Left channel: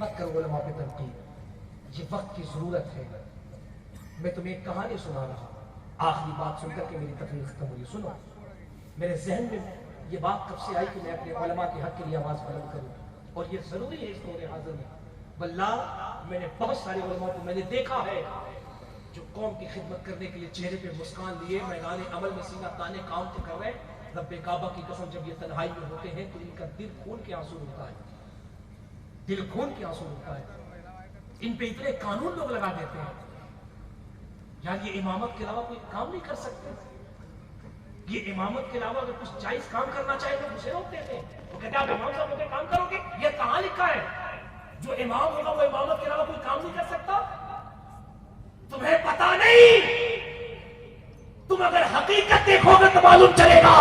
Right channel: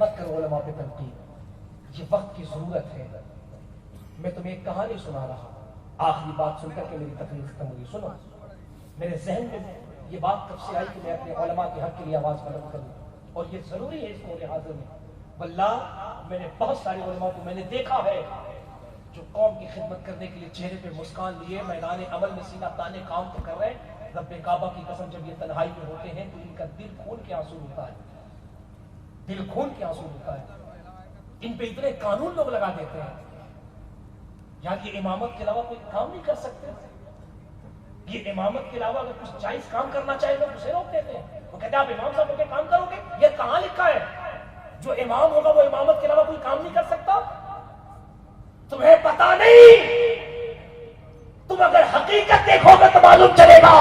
مت کرو علماء پہ تنقید، یہ وقت کی ضرورت ہے۔ میں تمہیں ایک کہانی سنا رہا، آخری بات سن کر کے میری تقریر ختم ہوئی۔ سنو، میرے ذہن میں یہ بات کب سے آئی کہ میں اپنے علماء کے حق کے لیے آواز بلند کروں، اور یہ ضروری ہے اس دور حاضر میں۔ واللہ میں نے بہت سارے علماء کو میں نے دیکھا ہے جو قوم کی خدمت کرنے کے لیے چہرے پہ مسکان لیے میدان عمل میں سینہ تانے کام تو کر رہے ہیں، رب کعبہ کی قسم جب یہ تنہائی میں ہوتے ہیں تو ان کا دل خون کے آنسو ہوتا ہے، دل خون کے آنسو ہوتا ہے۔ ان پہ اتنے قانون لوگ لگا دیتے ہیں، یار یہ امامت کے علاوہ کوئی کام نہیں کر سکتے، یہ امامت کے علاوہ اگر کچھ جائز کام کرنا چاہے تو اسے روک دیتے ہیں۔ وہ کہتے ہیں آپ امام صاحب ہو کے کام کرو گے، یہ کہاں لکھا ہے؟ جو امام ہوگا وہ امامت کے علاوہ کوئی کام نہیں کر سکتا؟ تمہیں پتا نہیں، تم اگر حقیقت دیکھو گے تو معلوم چلے گا۔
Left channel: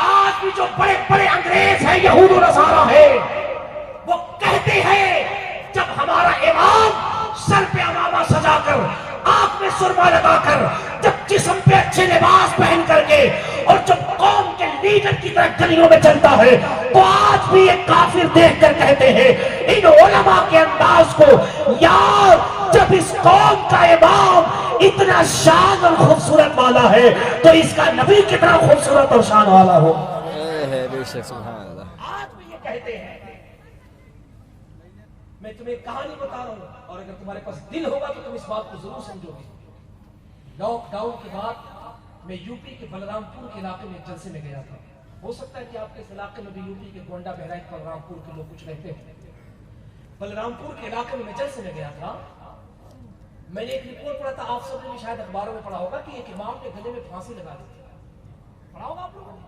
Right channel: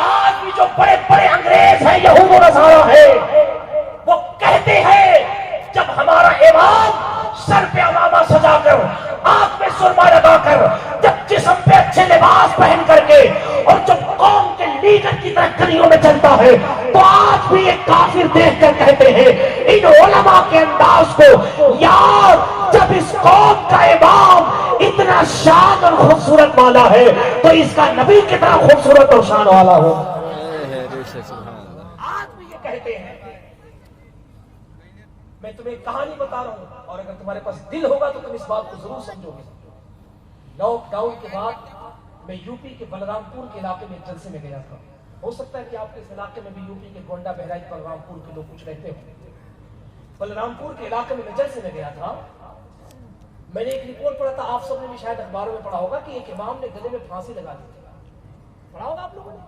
آج بھی جو بڑے بڑے انگریز ہیں، یہود و نصارہ ہیں، وہ کہتے ہیں جب ہمارا امام سر پہ عمامہ سجا کر، آنکھ میں سرما لگا کر، جب جسم پہ اچھے لباس پہن کر کے، اور جب قوم کے لیڈر کی طرح گلیوں میں چلتا ہے، تو آج بھی ایک کافر دیکھ کر کہتے ہیں ان علماء کے انداز کو، یار جب اس قوم کا امام اتنا شان اور خوبصورت والا ہے تو اس کا نبی کتنا خوبصورت اور شان والا ہو۔ آج بھی یہ کہتے ہیں۔ میں تمہیں کہانی بتا رہا ہوں، اور اگر تمہارے پاس دل ہوگا تو تم اس بات کو ضرور سمجھو گے۔ لاک ڈاؤن کے بعد میں یو پی کے بلرام پور کے علاقے میں ایک جلسے میں گیا تھا۔ ہو سکتا ہے کہ آپ کے اس علاقے میں بھی یو پی کے گونڈا بہرائچ بلرام پور کے لوگ کچھ رہتے ہیں۔ بلرام پور کے علاقے میں جلسے میں گیا تھا، میں نے ایک رپورٹ پڑھا تھا، آپ سب نے بھی شاید اخباروں میں پڑھا ہوگا کہ ایک امام نے گلے میں پھانسی لگا دی۔ پڑھا ہوگا آپ لوگوں نے؟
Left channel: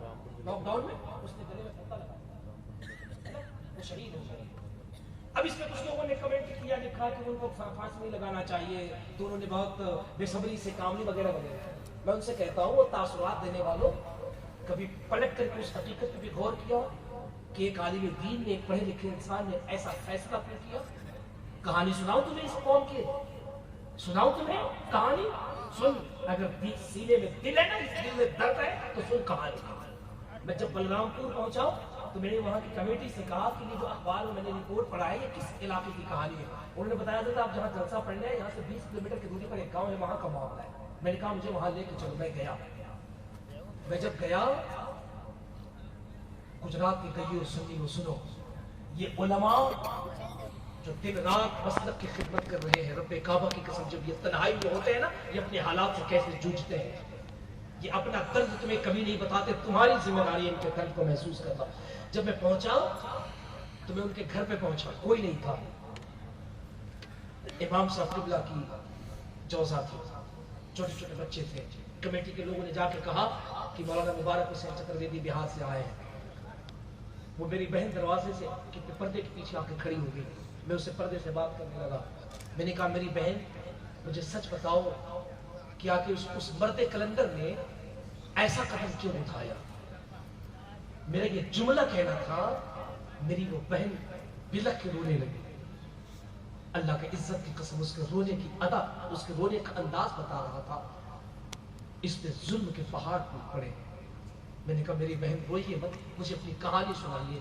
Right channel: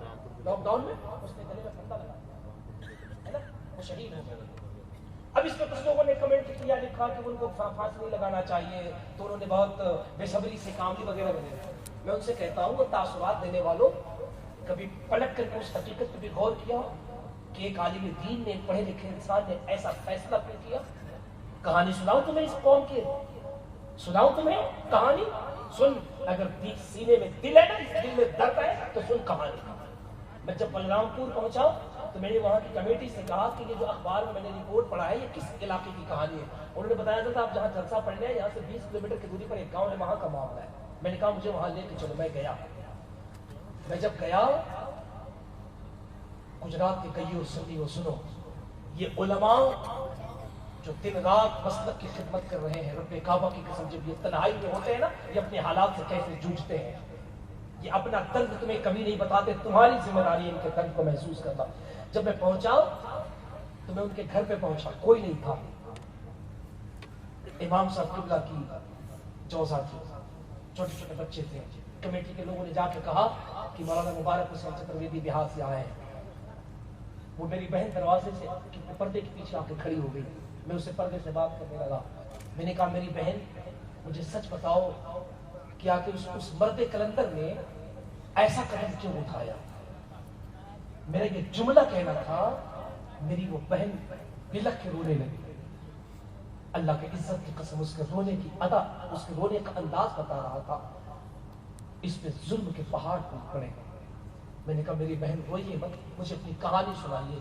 لاک ڈاؤن میں اس نے گلے میں پھانسی لگا دی، وہ شہید ہو گئے۔ اب اس میں کچھ لوگوں نے کمنٹ کیا، لکھا کہ ان کو پھانسی نہیں لگانا چاہیے، تو انہوں نے بہت بے صبری سے کام لی وغیرہ وغیرہ۔ میں ان سے کہتا ہوں، وہ تاثرات دینے والوں، کبھی پلٹ کر کے اس حقیقت پہ بھی غور کیا کہ ایک عالم دین نے، ایک پڑھے لکھے انسان نے ایسا فیصلہ کیوں کیا؟ کہانی سناؤں تمہیں اس قوم کی، سناؤں تمہیں کہانی؟ سن، اگر سینے میں دل ہے نا، دل میں درد ہے تو سن کہانی۔ میں جب بلرام پور پہنچا تو میں نے وہاں کی کمیٹی سے کہا کہ یہ جو اخبار میں نے رپورٹ پڑھا ہے یہ کس علاقے کی کہانی ہے؟ انہوں نے بتایا تھا آپ جہاں جلسہ پڑھنے ہیں یہاں سے 20 کلومیٹر کی دوری پر ایک گاؤں ہے، وہاں کا معاملہ ہے۔ میں نے کہا مجھے وہاں لے کے چلو۔ میں گیا، میں جب گیا، گجرات کے کئیوں سنی ہو، سنو، یہ علماء جو دن رات مسلک کی خدمت کر رہے ہیں، رب کعبہ کی قسم جب یہ تنہائی میں ہوتے ہیں نا، یہ اپنے حالات سے کیسے جوجھتے ہیں، یہ اپنا درد تمہیں کبھی نہیں بتاتے، تمہاری ذمہ داری ہے ان کے درد کو محسوس کرنا۔ جب میں پہنچا تو میں ان کے گھر پہ پہنچا، کوئی نہیں تھا، امام صاحب قبلہ کی جوزہ تھی، چھوٹے چھوٹے بچے تھے۔ کمیٹی کے لوگوں نے جا کے کہا کہ مولانا مبارک حسین چترویدی بہار سے آئے ہیں۔ وہ میری بہن دروازے سے پردے کے پیچھے آ کے کھڑی ہو گئی، میں اسے پردے سے بات کرنے لگا۔ میں نے کہا میری بہن مجھے سچ بتاؤ کہ آ کے اس مرد کلندر نے ایسا قدم کیوں اٹھایا؟ میرا یہ جملہ کہنا تھا، میری وہ بہن بلک کے رونے لگی۔ اللہ کے عزت کی قسم اس کے رونے کی ادا، اس کے رونے کا انداز بتا رہا تھا، اس پہ ظلم کے پہاڑ ٹوٹ پڑے۔ میں نے کہا میری بہن روئیے مت، مجھے اپنی کہانی سنائیے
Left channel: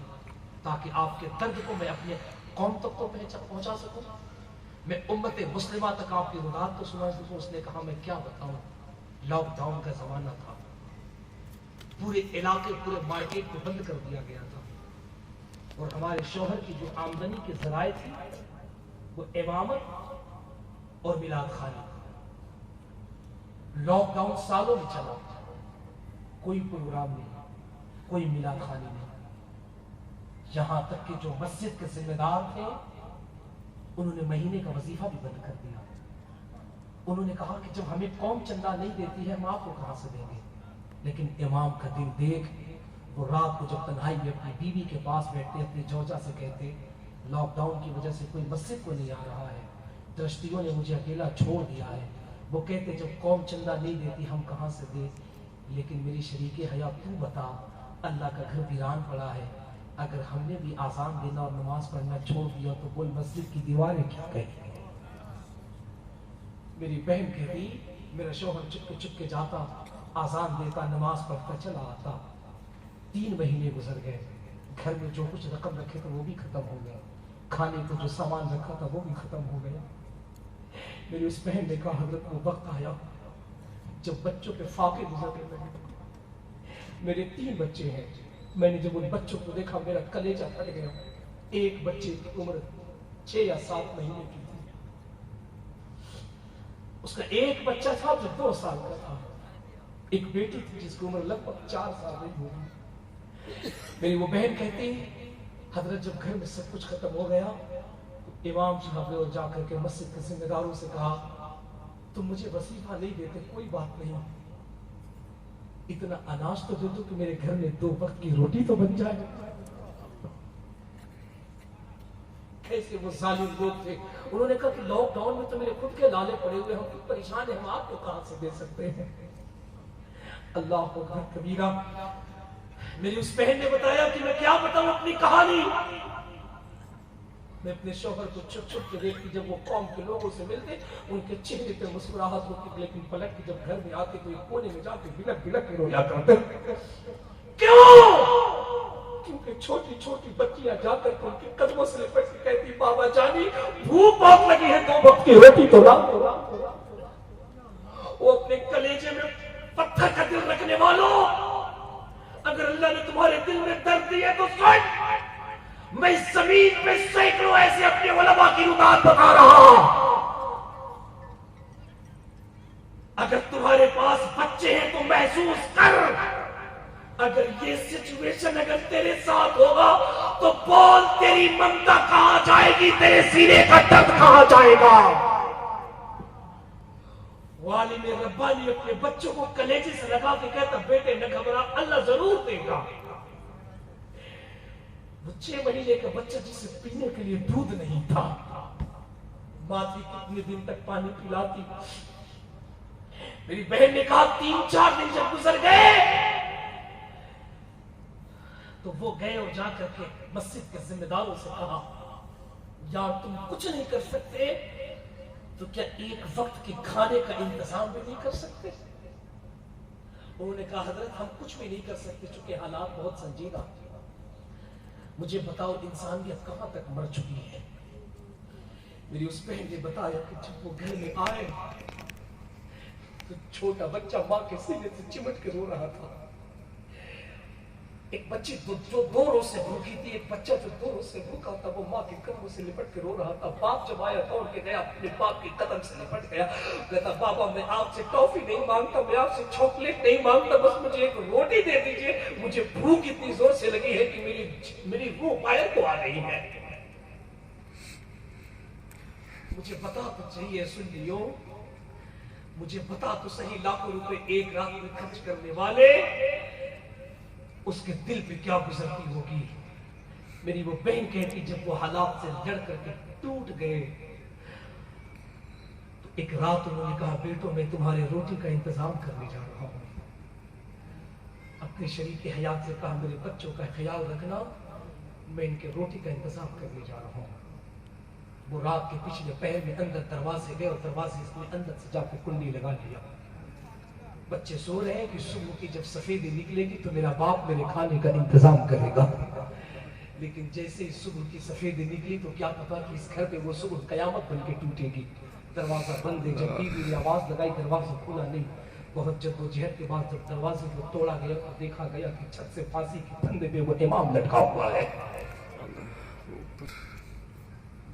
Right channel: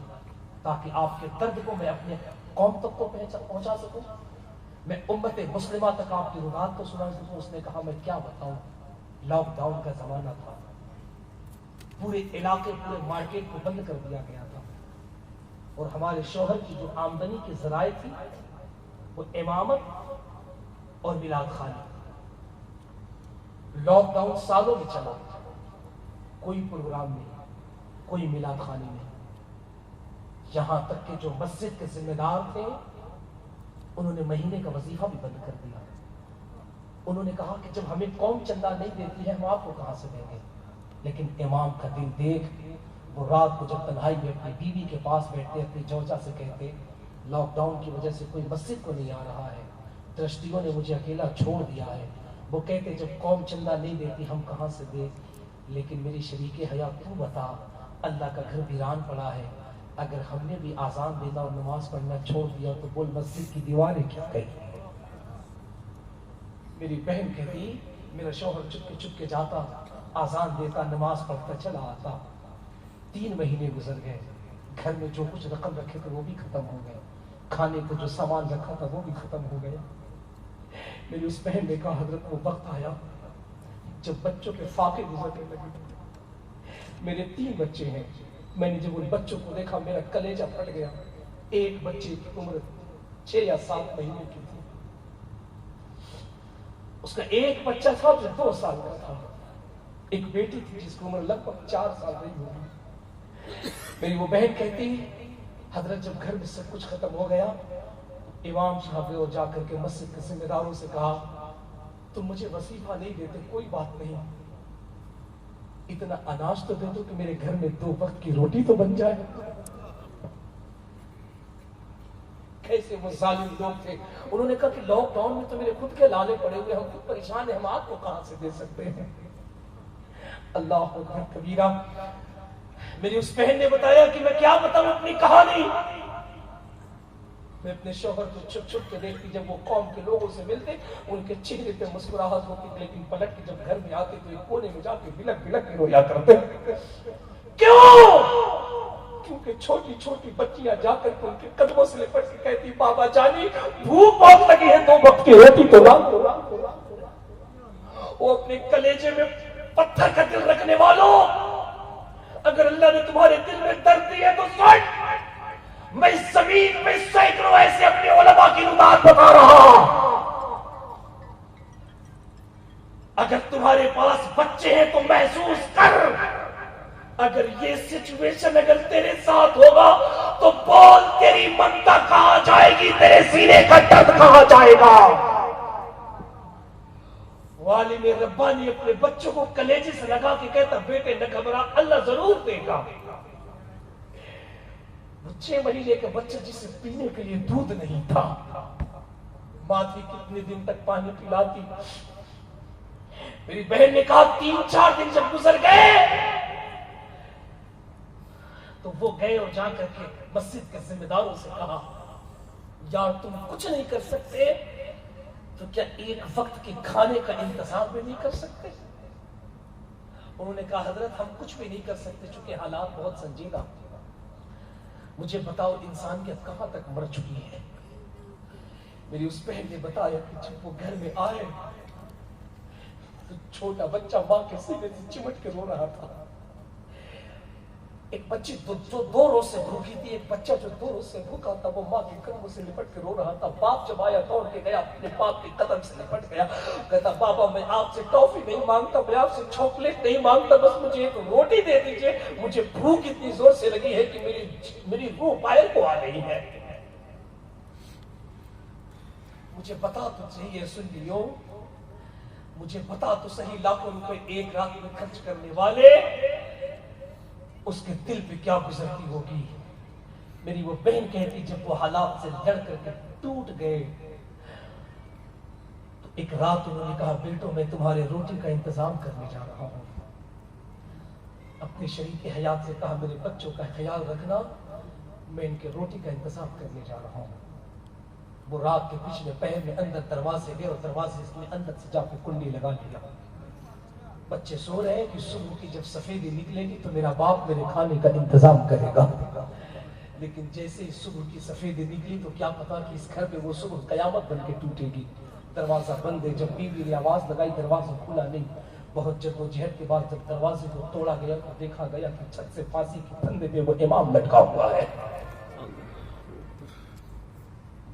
تاکہ آپ کے درد کو میں اپنے قوم تک تو پہنچا سکوں، میں امت مسلمہ تک آپ کی رونات تو سنا سکوں۔ اس نے کہا میں کیا بتاؤں، لاک ڈاؤن کا زمانہ تھا، پورے علاقے، پورے مارکیٹ کو بند کر دیا گیا تھا، اور ہمارے شوہر کی جو آمدنی کے ذرائع تھی وہ امامت اور میلاد خانی۔ لاک ڈاؤن سالوں میں چلا، کوئی پروگرام نہیں، کوئی میلاد خانی نہیں، یہاں تک کہ جو مسجد کے ذمہ دار تھے انہوں نے مہینے کا وظیفہ بھی بند کر دیا۔ انہوں نے کہا کہ جب ہمیں قوم چندہ نہیں دیتی ہے ہم آپ کو کہاں سے دیں گے؟ لیکن امام کا دل دیکھ، وہ رات کو جب تنہائی میں اپنی بیوی کے پاس بیٹھتے، اپنی جوجا سے کہتے لاک ڈاؤن کی وجہ سے کوئی مسجد کو نہیں آ رہا ہے، ٹرسٹیوں نے مجھے اکیلا چھوڑ دیا ہے۔ وہ کہتے جب قوم چندہ نہیں دیتی ہم کہاں سے دیں؟ لیکن میری شریک حیات تو بتا، اللہ کا گھر ویران پڑا ہے، اگر ہم نے بھی آزان دینا اور نماز پڑھنا چھوڑ دیا تو بول مسجد کی دیواریں کیا کہیں؟ میری بہن کہتی میرا شوہر چپ کے جاتا، آزان دیتا، نماز پڑھتا چلا آتا۔ 3 مہینے گزر گئے، گھر میں جو کچھ رقم رکھے تھے وہ بھی ختم ہو گئے۔ کھانے کو جو سامان رکھا تھا وہ بھی ختم ہو گیا. میری اس بہن نے کہا حضرت وہ وقت آیا جب بچوں کے فاقے گزرنے لگے. میرے 3 بچے ہیں. میں نے جب ان بچوں کو دیکھا میرا کلیجہ پھٹ گیا. ایک بچے کی عمر 6 یا 7 مہینے کی تھی. اس کا ایک بچہ تھا جو 2 سال کا تھا. ایک بیٹی تھی جس کی عمر لگ بھگ 4 سال رہی ہوگی. میری وہ بہن کہتی حضرت جب گھر میں سب کچھ ختم ہو گیا امام صاحب نے جا کر کے مسجد کے ذمہ داروں سے کہا تم مجھے وظیفہ نہیں دیتے کوئی بات نہیں, اتنا اناج تو دے دو کہ میرے گھر میں 2 وقت کی روٹی تو بن جائے. کیسے وہ ظالم لوگ تھے. انہوں نے کہا کہ لاک ڈاؤن میں تو میرے خود کے لالے پڑے ہوئے, ہم خود پریشان ہیں, ہم آپ کو کہاں سے دے سکتے ہیں. اللہ اکبر کبیرہ. میری اس بہن نے بتایا کہ میں کیا بتاؤں اپنی کہانی. میں اپنے شوہر کو چھپ چھپ کے دیکھتی, جب وہ قوم کے لوگوں سے ملتے ان کے چہرے پہ مسکراہٹ ہوتی, لیکن پلٹ کے جب گھر میں آتے تو ایک کونے میں جا کے بلک بلک کے رویا کرتے. کیوں؟ کیونکہ چھوٹی چھوٹی بچیاں جا کر کے ان کے قدموں سے لپٹ کے کہتی بابا جانی بھوک بہت لگی ہے 2 وقت کی روٹی تو لا. وہ اپنے کلیجے میں پتھر کا دل رکھنے والوں, اگر اللہ نے تمہارے دل میں درد دیے تو سن, میں اس زمین پہ سینکڑوں ایسے اپنے علماء کی رکاوٹ بتا رہا ہوں. اگر تمہارے پاس بچے ہیں تو محسوس کر, اگر یہ سچویشن اگر تیرے ساتھ ہوگا تو بول تیری منتا کہاں جائے گی, تیرے سینے کا درد کہاں جائے گا. والد ربانی اپنے بچوں کو کلیجے سے لگا کے کہتا بیٹے نہ گھبرا, اللہ ضرور دے گا. وہ 6 مہینے کا بچہ جسے پینے کے لیے دودھ نہیں تھا, ماں بھی کتنے دن تک پانی پلاتی. میری بہن نے کہا 3-4 دن جب گزر گئے تو وہ گئے اور جا کر کے مسجد کے ذمہ داروں سے کہا یار تم کچھ نہیں کر سکتے تو کیا ایک وقت کے کھانے کا انتظام بھی نہیں کر سکتے. انہوں نے کہا حضرت ہم کچھ بھی نہیں کر سکتے چونکہ حالات بہت سنجیدہ. مجھے بتاؤ انسانیت کہاں تک مر چکی ہے. میری اس بہن نے بتایا کہ جب وہ گھر میں آئے تو چھوٹا بچہ ماں کے سینے سے چمٹ کے رو رہا تھا. ایک بچی جو 2 روز سے بھوکی تھی, ایک بچہ جو 2 روز سے بھوکا تھا, وہ ماں کے قدموں سے لپٹ کے رو رہا تھا. باپ جب آیا دوڑ کے گیا اپنے باپ کے قدم سے لپٹ گیا, کہتا بابا میں آپ سے ٹافی نہیں مانگتا, میں آپ سے چاکلیٹ نہیں مانگتا, بس مجھے ایک روٹی دے دیجئے, مجھے بھوک اتنی زور سے لگی ہے کہ میری روح پائل کو آ رہی ہے. مجھے بتا تو چاہیے, سن لیو, مجھے بتا تو صحیح, لاکھوں روپے ایک رات میں خرچ کرنے والے اس کے دل پہ کیا گزرتی ہوگی. میری وہ بہن کہتی جب وہ حالات سے لڑ کر کے ٹوٹ گئے تو ایک رات انہوں نے کہا بیٹوں میں تمہارے روٹی کا انتظام کرنے جا رہا ہوں. اپنے شریک حیات سے کہا میرے بچوں کا خیال رکھنا, میں ان کے روٹی کا انتظام کرنے جا رہا ہوں. وہ رات کے پچھلے پہر میں اندر دروازے گئے اور دروازے اس نے اندر سے جا کے کنڈی لگا لیا. بچے سو رہے ہیں کہ صبح کی جب سفیدی نکلے گی تو میرا باپ میرے کھانے کا انتظام کرے گا. لیکن جیسے ہی صبح کی سفیدی نکلی تو کیا پتا کہ اس گھر پہ وہ صبح قیامت بن کے ٹوٹے گی. دروازہ بند ہے, جب بیوی نے آواز لگائی دروازہ کھلا نہیں. بہت جدوجہد کے بعد جب دروازے کو توڑا گیا تو دیکھا گیا کہ چھت سے پھانسی کے پھندے پہ وہ امام لٹکا ہوا ہے.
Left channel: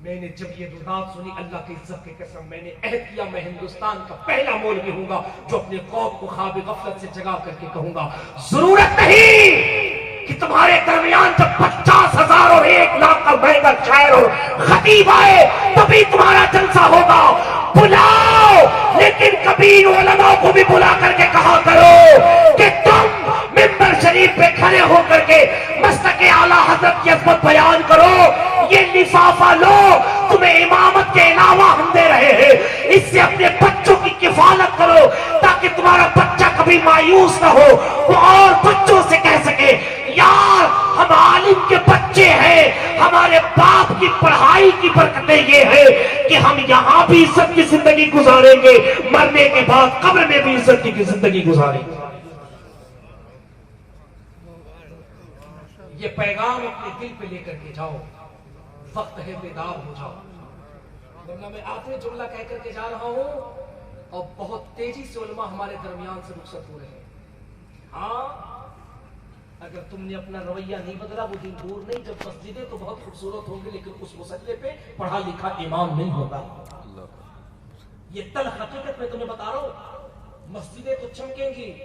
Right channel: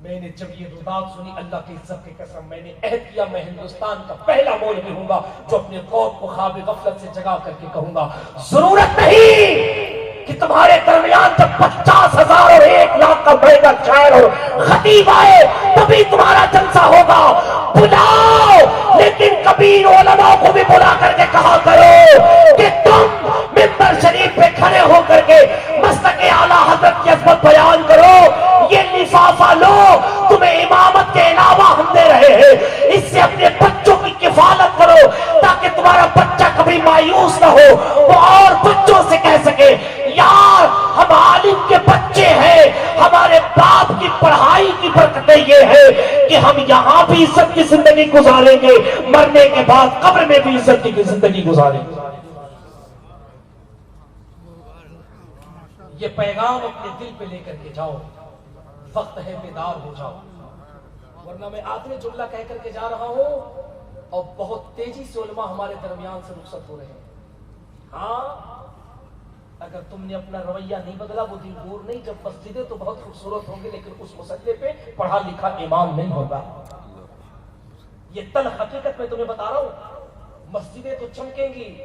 میں نے جب یہ رودات سنی, اللہ کی عزت کی قسم, میں نے عہد کیا میں ہندوستان کا پہلا مولوی ہوں گا جو اپنے قوم کو خواب غفلت سے جگا کر کے کہوں گا ضرورت نہیں کہ تمہارے درمیان جب 50,000 اور 1,00,000 کا مہنگا شاعر اور خطیب آئے تبھی تمہارا جلسہ ہوگا. بلاؤ, لیکن کبیر علماء کو بھی بلا کر کے کہا کرو کہ تم منبر شریف پہ کھڑے ہو کر کے مستق اعلیٰ حضرت کی عظمت بیان کرو. یہ لفافہ لو, تمہیں امامت کے علاوہ ہم دے رہے ہیں, اس سے اپنے بچوں کی کفالت کرو تاکہ تمہارا بچہ کبھی مایوس نہ ہو, وہ اور بچوں سے کہہ سکے یار ہم عالم کے بچے ہیں, ہمارے باپ کی پڑھائی کی برکتیں یہ ہے کہ ہم یہاں بھی عزت کی زندگی گزاریں گے, مرنے کے بعد قبر میں بھی عزت کی زندگی گزاریں گے. یہ پیغام اپنے دل پہ لے کر کے جاؤ. وقت ہے بیدار ہو جاؤ، ورنہ میں آخری جملہ کہہ کر کے جا رہا ہوں اور بہت تیزی سے علماء ہمارے درمیان سے رخصت ہو رہے ہیں۔ ہاں اگر تم نے اپنا رویہ نہیں بدلا وہ دن دور نہیں جب مسجدیں تو بہت خوبصورت ہوں گے لیکن اس مسئلے پہ پڑھا لکھا امام نہیں ہوگا۔ یہ تلخ حقیقت میں تمہیں بتا رہا ہوں، مسجدیں تو چمکیں گی،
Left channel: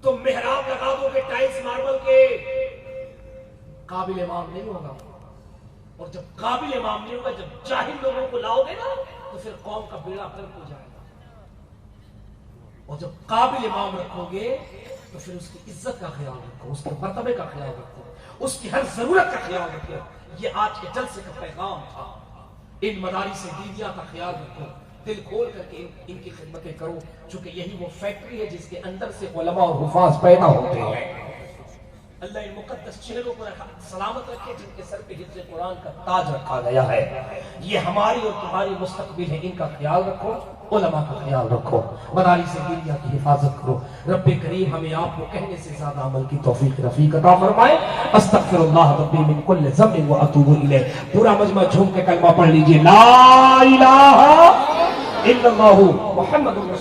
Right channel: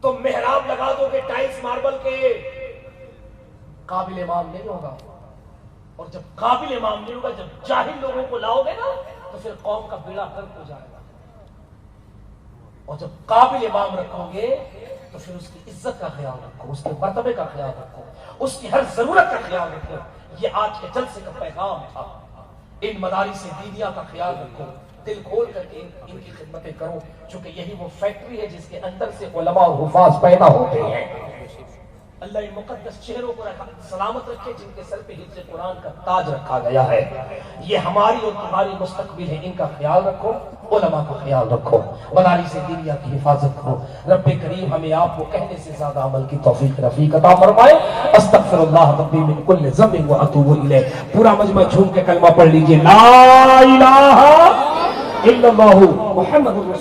تم محراب لگا دو گے ٹائلز ماربل کے، قابل امام نہیں ہوگا۔ اور جب قابل امام نہیں ہوگا، جب جاہل لوگوں کو لاؤ گے نا تو پھر قوم کا بیڑا غرق ہو جائے گا۔ اور جب قابل امام رکھو گے تو پھر اس کی عزت کا خیال رکھو، اس کے مرتبے کا خیال رکھو، اس کی ہر ضرورت کا خیال رکھو۔ یہ آج کے جلسے کا پیغام تھا۔ ان مدارس دینیہ کا خیال رکھو، دل کھول کر کے ان کی خدمتیں کرو، چونکہ یہی وہ فیکٹری ہے جس کے اندر سے علماء اور حفاظ پیدا ہوتے ہیں۔ اللہ ان مقدس چہروں پر سلامت رکھے جن کے سر پہ حفظ قرآن کا تاج رکھا گیا ہے۔ یہ ہماری اور تمہاری مستقبل ہے، ان کا خیال رکھو، علماء کا خیال رکھو، مدارس دینیہ کی حفاظت کرو۔ رب کریم ہمیں آپ کو کہنے سے زیادہ عمل کی توفیق رفیق عطا فرمائے۔ استغفر اللہ ربی من کل ذنب واتوب الیہ۔ پورا مجمع جھوم کے کلمہ پڑھ لیجئے، لا الہ الا اللہ محمد رسول